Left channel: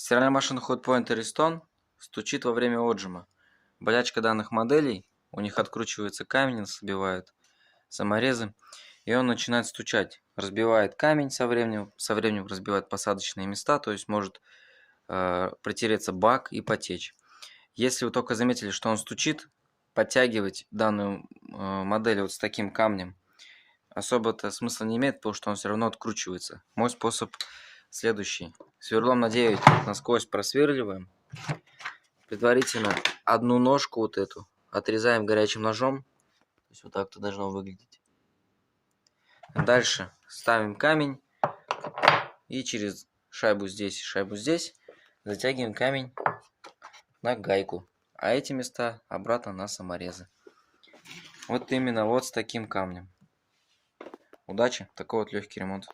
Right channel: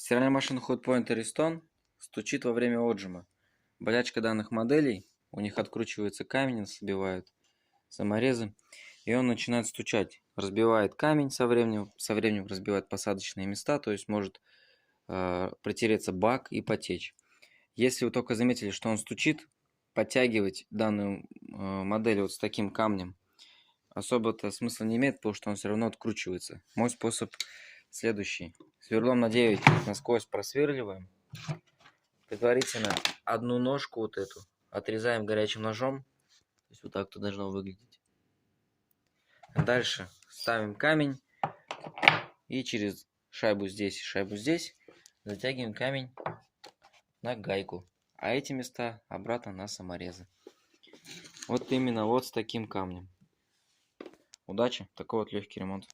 Стиральная машина Hotpoint Ariston стучит во время отжима. Болячка данных моделей, у них откручивается камень, сбивают саморезы, и он начинает стучать. Разбивает камень со временем разбивает посадочные места, то есть может протереться бак и потечь. Если вы только заметили, что он стучит, подтягивать данную модель вот с таким камнем особо-то смысла не имеет, потому что он все равно откручивается. Мой способ следующий. Сверлом на 9 насквозь просверливаем. Предварительно одну ножку вот эту отрезаем горячим ножом. То есть вот так-то должно выглядеть. Дальше ставим камень и через шайбу здесь затягиваем камень на гайку. А эти места обратно на саморезы. Вот именно вот с таким камнем. Удачи, такой вот легкий ремонт.